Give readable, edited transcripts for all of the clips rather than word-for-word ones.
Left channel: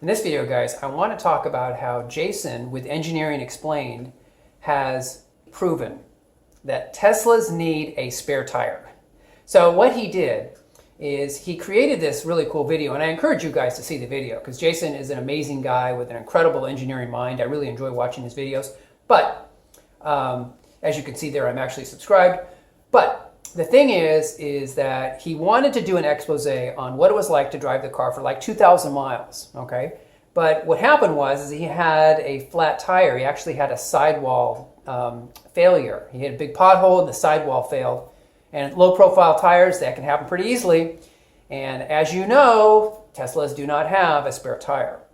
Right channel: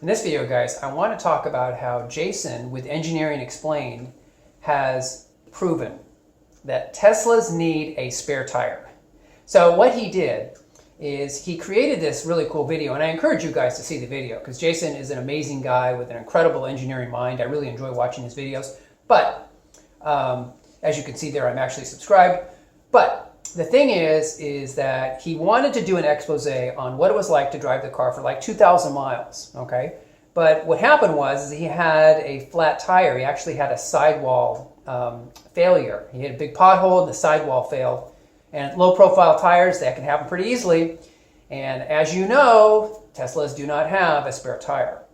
In this video, guys, I want to talk about how Jason with Engineering Explained has proven that Teslas need a spare tire. So what he did is he created this really cool video, and I encourage you guys to see the video because Jason is an amazing guy with an incredible engineering mind. I really enjoy watching his videos. But as you can see there, I'm actually subscribed. But the thing is that he wanted to do an expose on what it was like to drive the car for like 2,000 miles, okay? But what happened was he had a flat tire. He actually had a sidewall failure. He had a big pothole and the sidewall failed. And low-profile tires, that can happen pretty easily. And as you know, Teslas do not have a spare tire.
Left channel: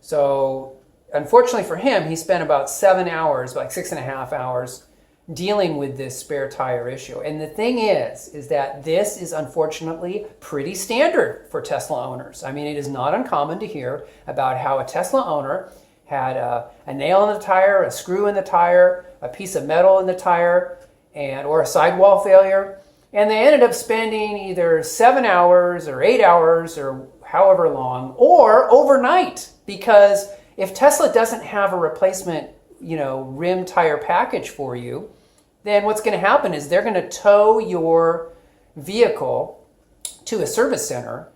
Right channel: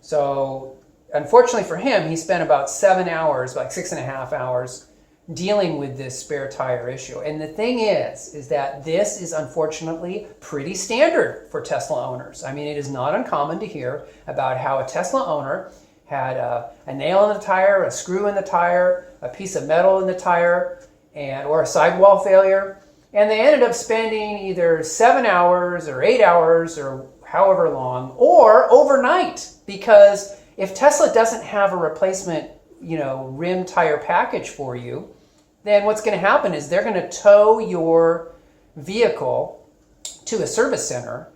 So unfortunately for him, he spent about 7 hours, like 6.5 hours, dealing with this spare tire issue. And the thing is that this is unfortunately pretty standard for Tesla owners. I mean, it is not uncommon to hear about how a Tesla owner had a nail in the tire, a screw in the tire, a piece of metal in the tire, or a sidewall failure. And they ended up spending either 7 hours or 8 hours or however long, or overnight. Because if Tesla doesn't have a replacement rim tire package for you, then what's going to happen is they're going to tow your vehicle to a service center.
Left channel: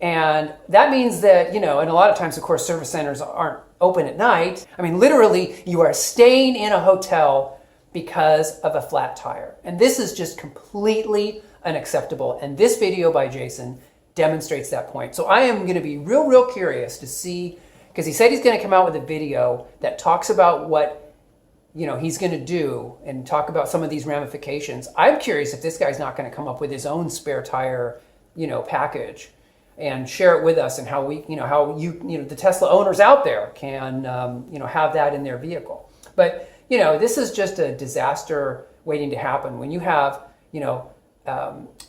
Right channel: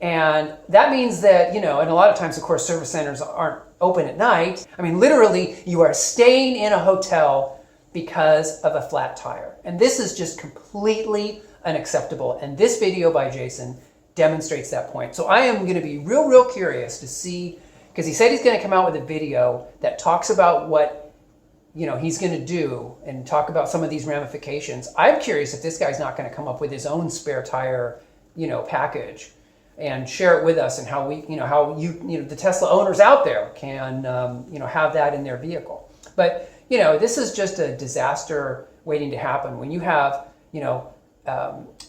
And that means that, and a lot of times, of course, service centers aren't open at night. I mean, literally, you are staying in a hotel because of a flat tire. And this is just completely unacceptable. And this video by Jason demonstrates that point. So I am going to be real curious to see, because he said he's going to come out with a video that talks about what he's going to do and talk about some of these ramifications. I'm curious if this guy's not going to come up with his own spare tire, package and share it with us, and how the Tesla owners out there can, have that in their vehicle. But, this is just a disaster waiting to happen when you have, no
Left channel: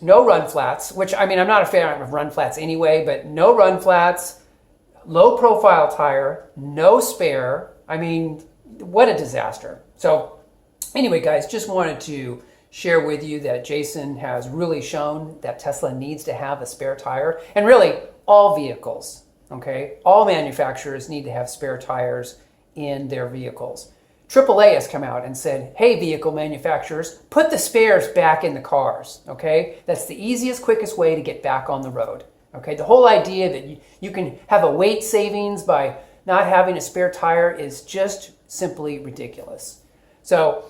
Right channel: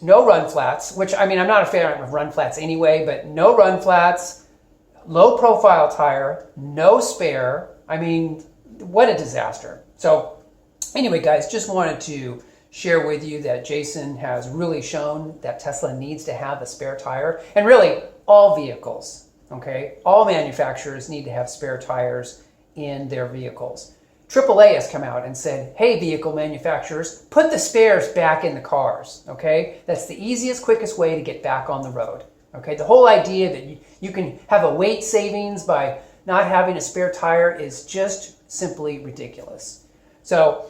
run flats, which, I mean, I'm not a fan of run flats anyway, but no run flats, low profile tire, no spare. I mean, what a disaster. So anyway, guys, just wanted to share with you that Jason has really shown that Tesla needs to have a spare tire. And really, all vehicles, okay? All manufacturers need to have spare tires in their vehicles. AAA has come out and said, hey, vehicle manufacturers, put the spares back in the cars, okay? That's the easiest, quickest way to get back on the road, okay? The whole idea that you can have a weight savings by not having a spare tire is just simply ridiculous. So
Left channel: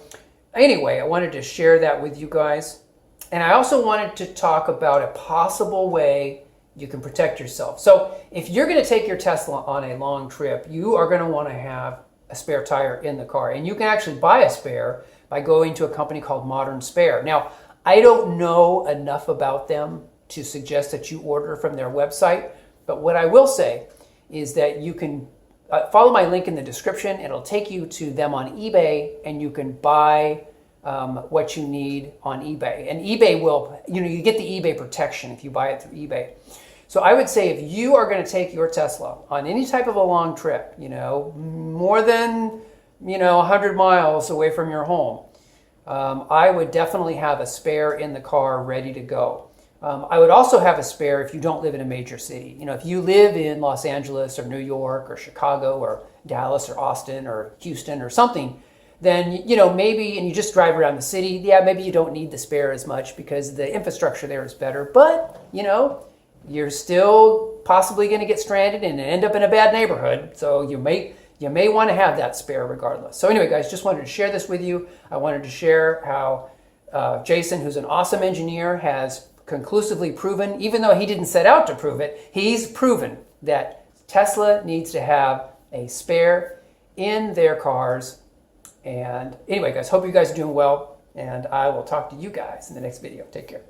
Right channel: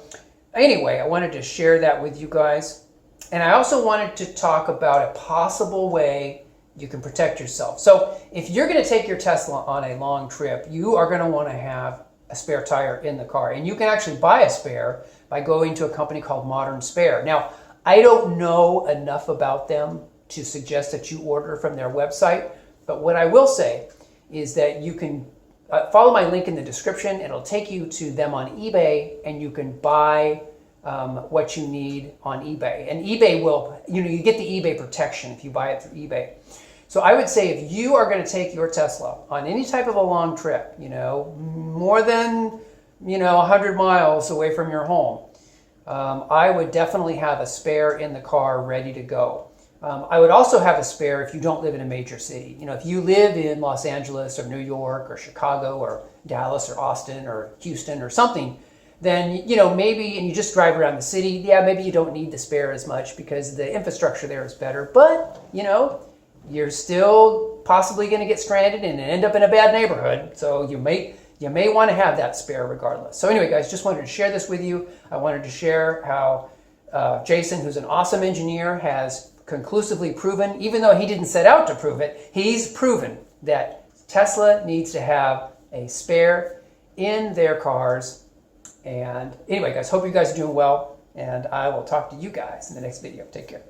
anyway, I wanted to share that with you guys. And I also wanted to talk about a possible way you can protect yourself. So if you're going to take your Tesla on a long trip, you are going to want to have a spare tire in the car. And you can actually buy a spare by going to a company called Modern Spare. Now, I don't know enough about them to suggest that you order from their website. But what I will say is that you can follow my link in the description. It'll take you to them on eBay, and you can buy what you need on eBay. And eBay will, you get the eBay protection if you buy it through eBay. So I would say if you are going to take your Tesla on any type of a long trip, more than, 100 miles away from your home, I would definitely have a spare in the car ready to go. I would also have a spare if you don't live in a major city. If you live in Los Angeles or New York or Chicago or Dallas or Austin or Houston or something, then, maybe, and you just drive around the city, maybe you don't need the spare as much because the infrastructure there is better. But, you're still possibly going to get stranded and end up in a bad neighborhood. So you may want to have that spare regardless. So anyway, guys, just wanted to share this with you. I wanted to share how Jason, who's an awesome engineer, has conclusively proven, even though he didn't set out to prove it, he's proven that Tesla needs to have a spare in their cars. And anyway, guys, hope you guys are doing well, and I will talk to you guys in the next video. Take care.